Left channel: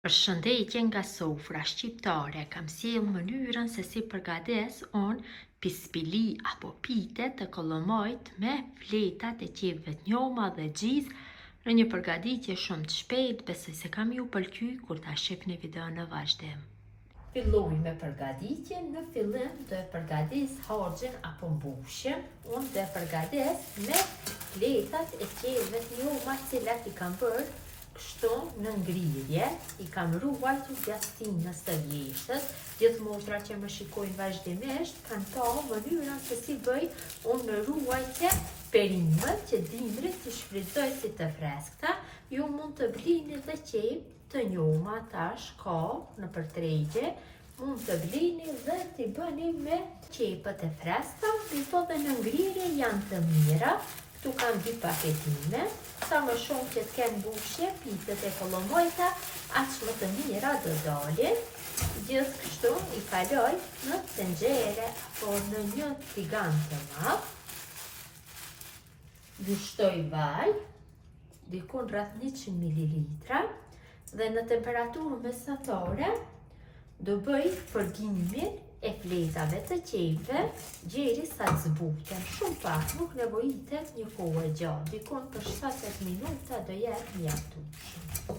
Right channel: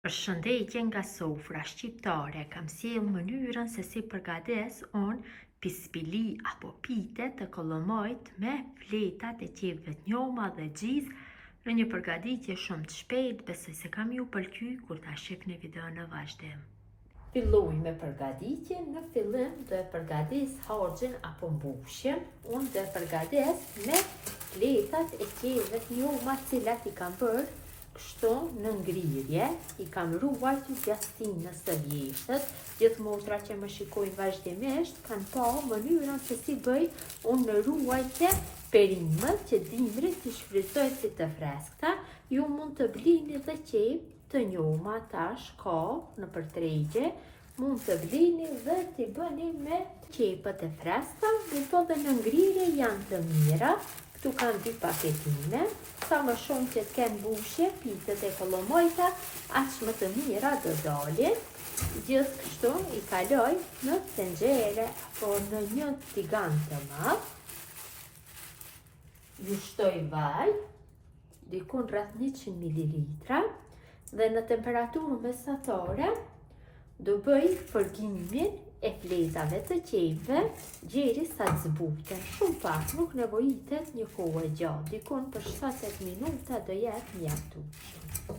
Përshëndetje nga sofra shqiptare, kam sjell mënyrën se si përgates unë pispili apo pite të kollomojt me fletat e qepëve të njoma dhe gjiz në një përgatitje shumë të shpejtë, besoj se kam ju pëlqy kur ta shihni videon në vazhdim. Filloj me përgatitjen. Në fillim do e përgatis harxhin apo mbushjen. Unë do e përgatis me fletat e qepëve të njoma, cilat i kam bërë kështu në ngrirje, i kam ruajtur pjastinës së vjeshtët. Gjithë motra që më shikojnë vazhdimisht kanë pa mënyrën se si bëj unë në ruajtje perimët që dimrit të shfrytëzoj si të freskëta. Ju mund të blini dhe qepë të njoma, tash ka në përtregje, mund të blini dhe t'i bëni me qepët e freskëta, gjithë dhe në ngrirje janë të mira. Këtu kam 2 paketime, sa më shumë që të kenë mbushje, pitet e kollomojta, aq më të mira do dalin. Gjithë kështu i kaloj në tenxhere apo në një tigan të madh. Vështoj vaj, dikun rreth 100 ml, dhe në temperaturë mesatare do bëj përgimin e fletave të qepëve derisa të zbuten. Shumë pak, nuk nevojitet një kohë gjatë, dikon për 7 minuta do jetë mjaftueshëm.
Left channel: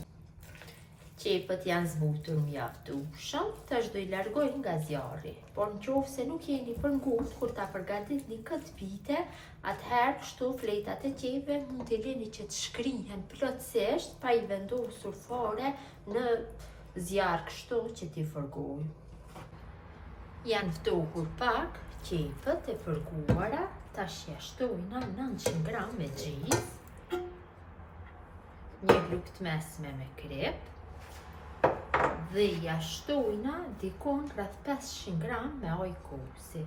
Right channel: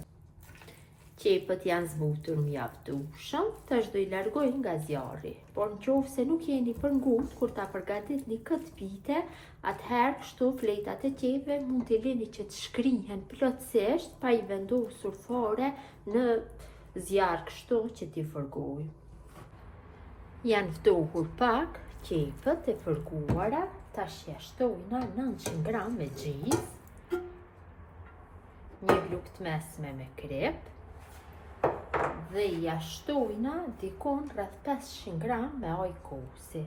Qepët janë zbutur mjaftueshëm, tash do i largoj nga zjarri. Por nëse nuk jeni për ngusht kur ta përgatitni këtë pite, atëherë kështu fletat e qepëve mund t'i lini që të shkrihen plotësisht pa i vendosur fare në zjarr kështu që t'i fërgoj. Janë ftohur pak qepët e fërguara, tash ja shtojna 900 gram me gjiz, një lugë mesme me krep, dhe ja shtojna dikon rreth 500 gram me ujë kosi.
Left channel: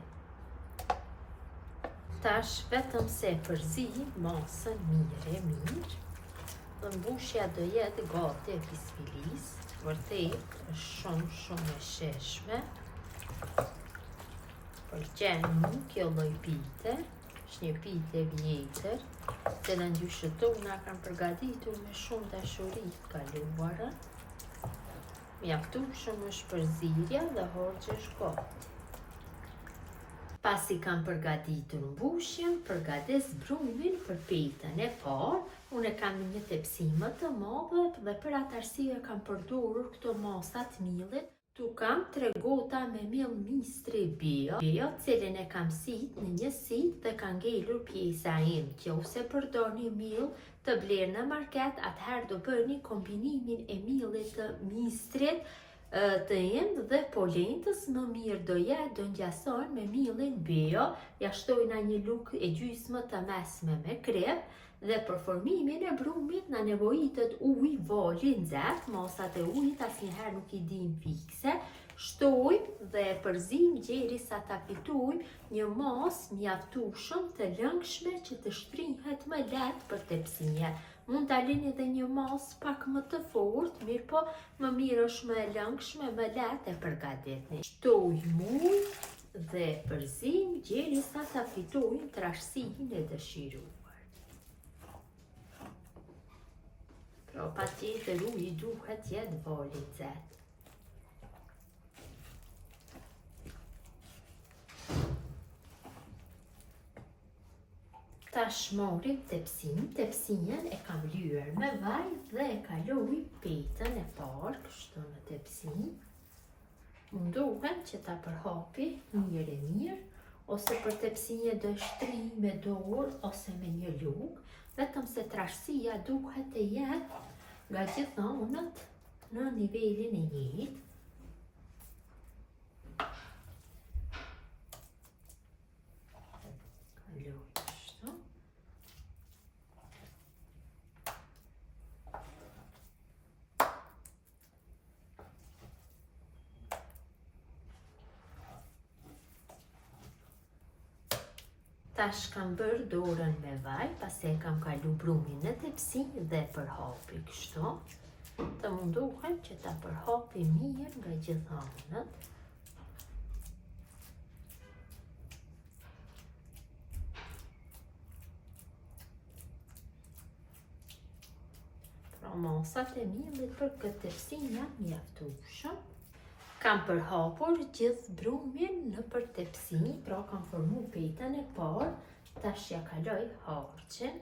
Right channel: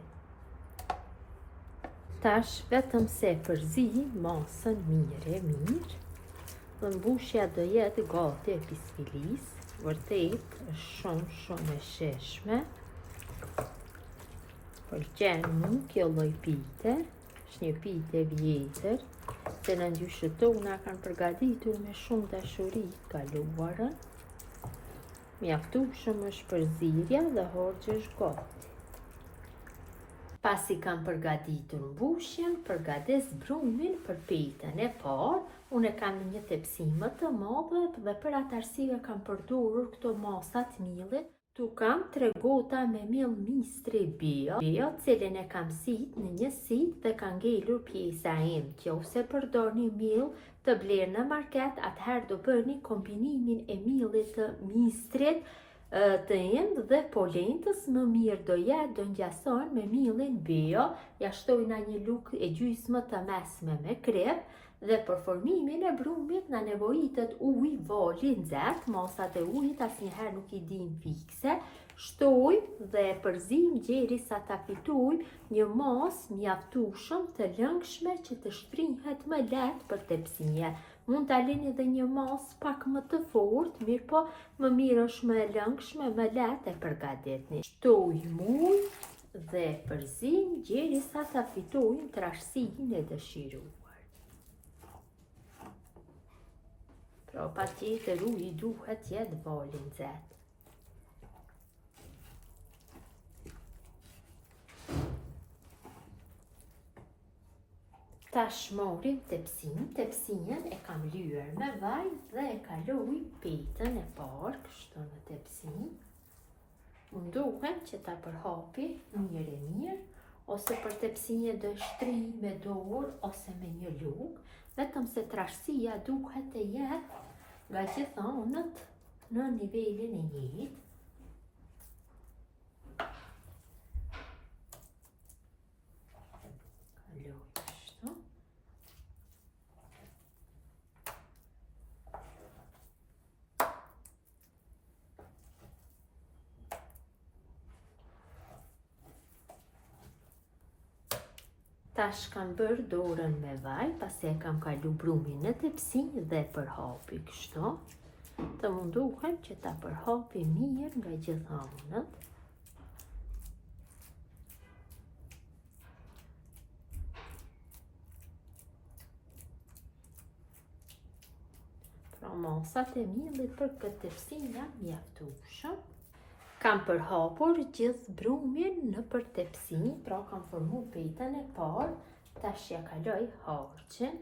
Tash vetëm se përzim masën mirë. Dhe mbushja do jetë gati e pispilis, vërtet shumë e sheshme. Pëlqen mu kjo lloj pite, është një pite vjetër, që në ndyshët tona kanë përgatitur me shumë dashuri të kaluara. Mjaftueshëm është përzierja dhe harxhi është gati. Pasi kam përgatitur mbushjen, përgatis brumin për pitën e parë. Unë kam një tepsi më të madhe dhe për atë arsye kam përdorur këto masa të miellit. Tu kam 3 gota me miell mistri bio, cilin e kam sit në një sit dhe ka ngelur pjesa ende. Ose përdorni miell të blerë në market, atëherë do bëni kombinimin e miellit të mistrit të ende dhe polentës, më mirë do jetë do ngjason me miellin bio. Ja shtojna një lugë e gjysmë të mesme me krep. Dhe për formimin e brumit na nevojitet ujë, vaj i nxehtë, masat e ujit asnjëherë nuk i din fikse. Shtojmë dhe përzim derisa ta fitojmë një masë mjaftueshëm të lëngshme që të shtrihet më lehtë për tepsie. Mund ta lini edhe një masë pak më të fortë, mirë po më mirë është më e lëngshme, më lehtë e përgatitni. Shtojmë ujë dhe përzim derisa ta fitojmë trashësinë e dëshiruar. Pra patjetër uji duhet jetë vaj i nxehtë. Tash morim tepsinën e kam lyer me vaj dhe e kaloj pitën e parë kështu në tepsin. Mundohem që ta përhapi mirë, ose për tepsinje do shtri me dorë ose me një lugë, vetëm se trashësia duhet të jetë nga gjithë anët në nivelin e njëjtë. Tash kam bërë dorën me vaj, pasi e kam kalu brumin në tepsi dhe përhapi kështu. Të mundohem që ta përhapi mirë nga gjithë anët. masat e miellit për këtë tepsinja mjaftueshëm. Kam përhapur gjithë brumin në për tepsi, pra kam formu petën e parë, tash ja kaloj harçin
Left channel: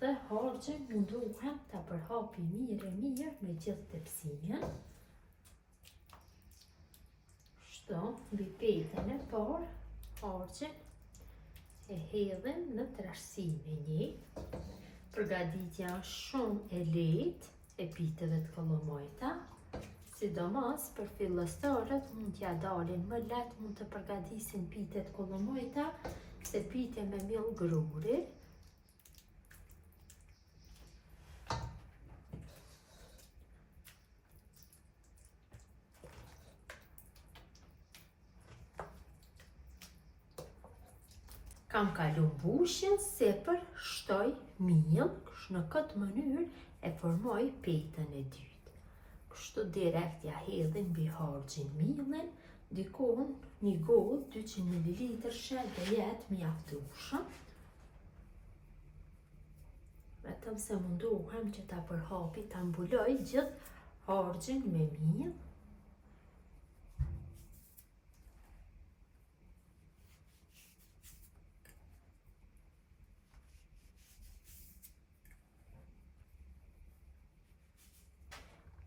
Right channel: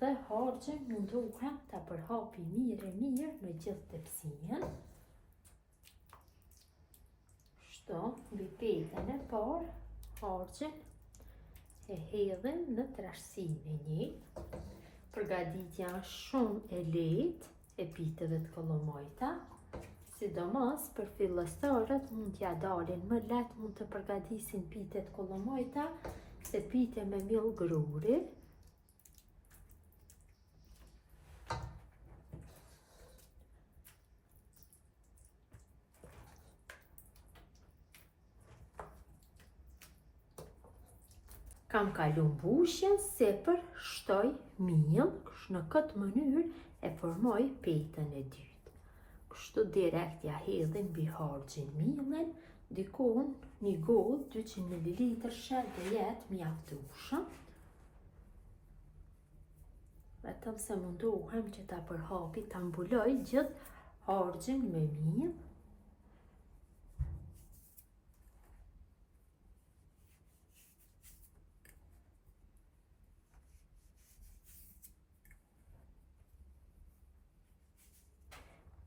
dhe harçin munduhem ta përhapi mirë në gjithë tepsinjen. Kështu, mbi petën e parë, harçin e hedhim në trashësinë e një. Përgatitja është shumë e lehtë e piteve të kollomojta, sidomos për fillestarët mund t'ja dalin më lehtë, mund të përgatisin pitet kollomojta se pite me miell gruri. Kam kalu mbushjen sepër shtoj miell, në këtë mënyrë e formoj petën e dytë. Kështu direkt ja hedhin mbi harçin miellin, dikon një gotë 200 ml shell dhe jetë mjaftueshëm. Vetëm se munduhem që ta përhapi, ta mbuloj gjithë harçin me miell.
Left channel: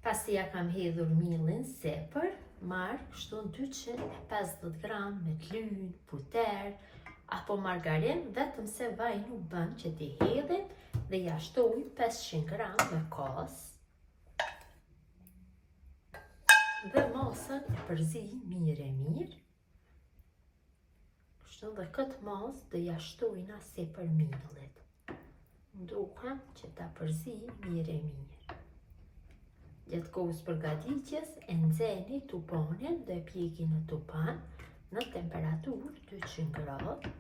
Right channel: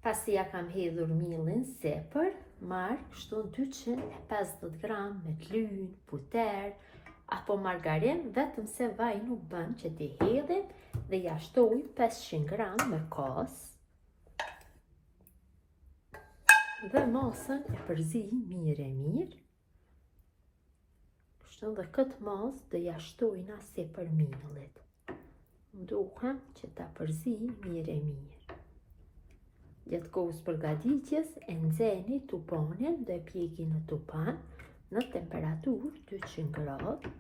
Pasi ja kam hedhur miellin sepër, marr kështu 250 gram me lyn, puter apo margarin, vetëm se vaj nuk bën që t'i hedhin, dhe ja shtoj 500 gram me kos. Dhe masën e përzij mirë. Kështu dhe këtë masë dhe ja shtojna sepër miellit. Duhem që ta përzij mirë. Gjatë kohës përgatitjes e nxeni tupanin dhe e pjeki në tupan në temperaturë 200 gradë.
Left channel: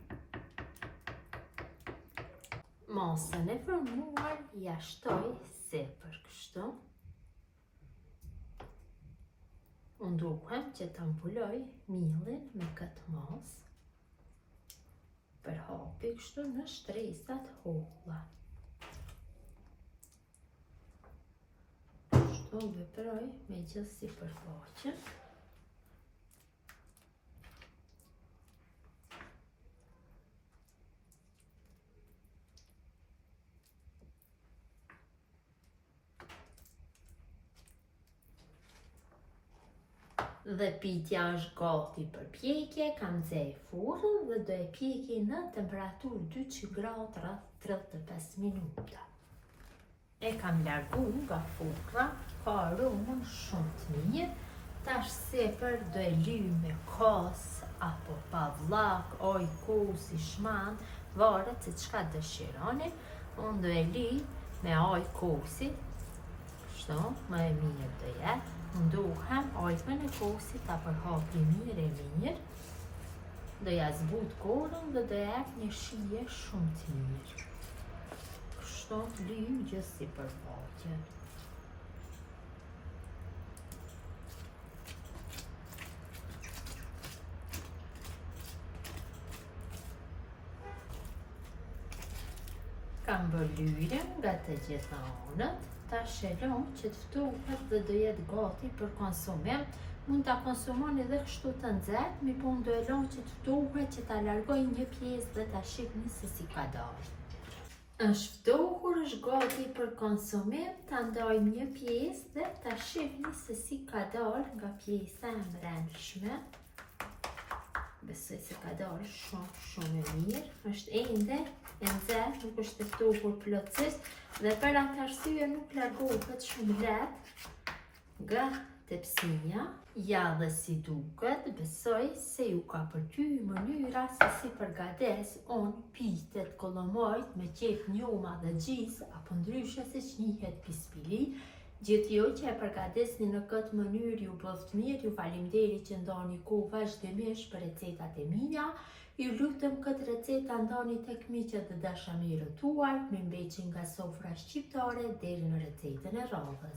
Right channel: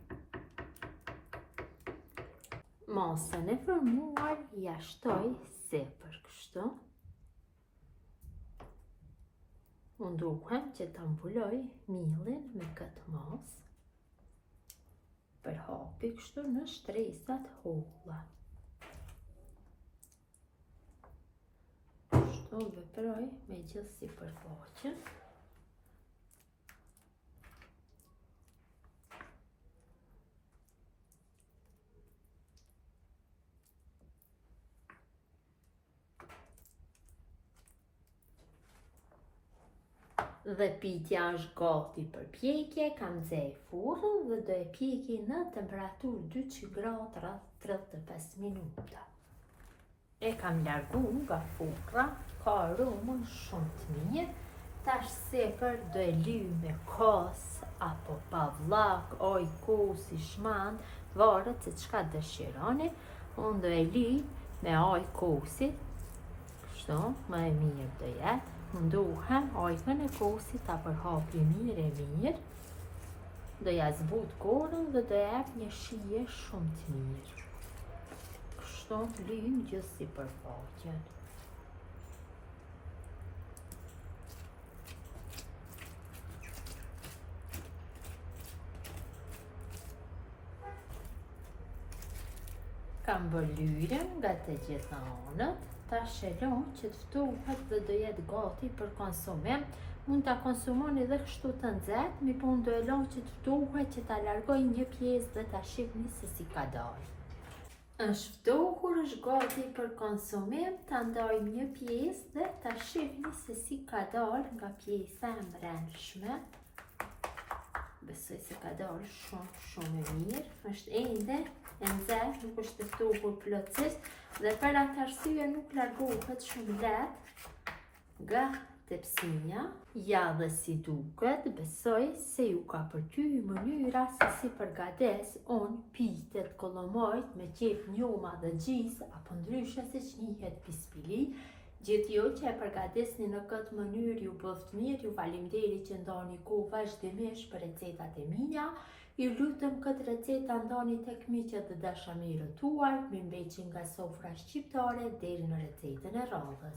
Masën e formuar ja shtoj sepër kështu. Munduhem që ta mbuloj miellin me këtë masë. Përhapi kështu në shtresat holla. Veproj me gjithë sipërfaqen. Dhe pitja është gati për pjekje, kam nxej furrën dhe do e pjeki në temperaturë 200 gradë rreth 35 minuta. E kam largu nga furra, ka aromën shumë të mirë. Tash sepër do e lyj me kos apo pavllak, oj kosi, shman, varet se çka dëshironi. Unë do e lyj me aj kosi, kështu më e mirë do jetë. Munduhem ajkën e kosit ta përhapi mirë. Do ja zbut korën dhe do jep një shije shumë të mirë. Kështu të lyjm gjithë sipërfaqen. Kam bërë lyerjen nga të gjitha anët. Tash e lëm që të ftohet dhe do jetë gati për konsumim. Mund ta konsumoni edhe kështu të nxehtë, mi po unë do e lëm që të ftohet, që ta largoj një pjesë dhe ta shihni se si ka dalë. Është ftohur, është gati për konsumim, ta ndajmë një pjesë dhe ta shihni se si ka dalë nga pjesa e mbrëmshme. Besoj se ka dalë shumë e mirë. Është ende e nxehtë, nuk është e ftohur plotësisht dhe për atë arsye nuk largohet shumë lehtë nga tepsinja. Ja dhe si duket, besoj se ju ka pëlqyer mënyra se si përgates unë pitet kollomojt me qep njoma dhe gjis, apo ndryshe siç njihet pispili. Gjithë ju që e përgatesni në këtë mënyrë ju bëft mirë, ju faleminderit që ndani kohë vazhdimisht për recetat e mia. Ju lutem këtë recetë ndani tek miqet dhe dashamirët tuaj, me mbeqin nga sofra shqiptare deri në recetën e radhës.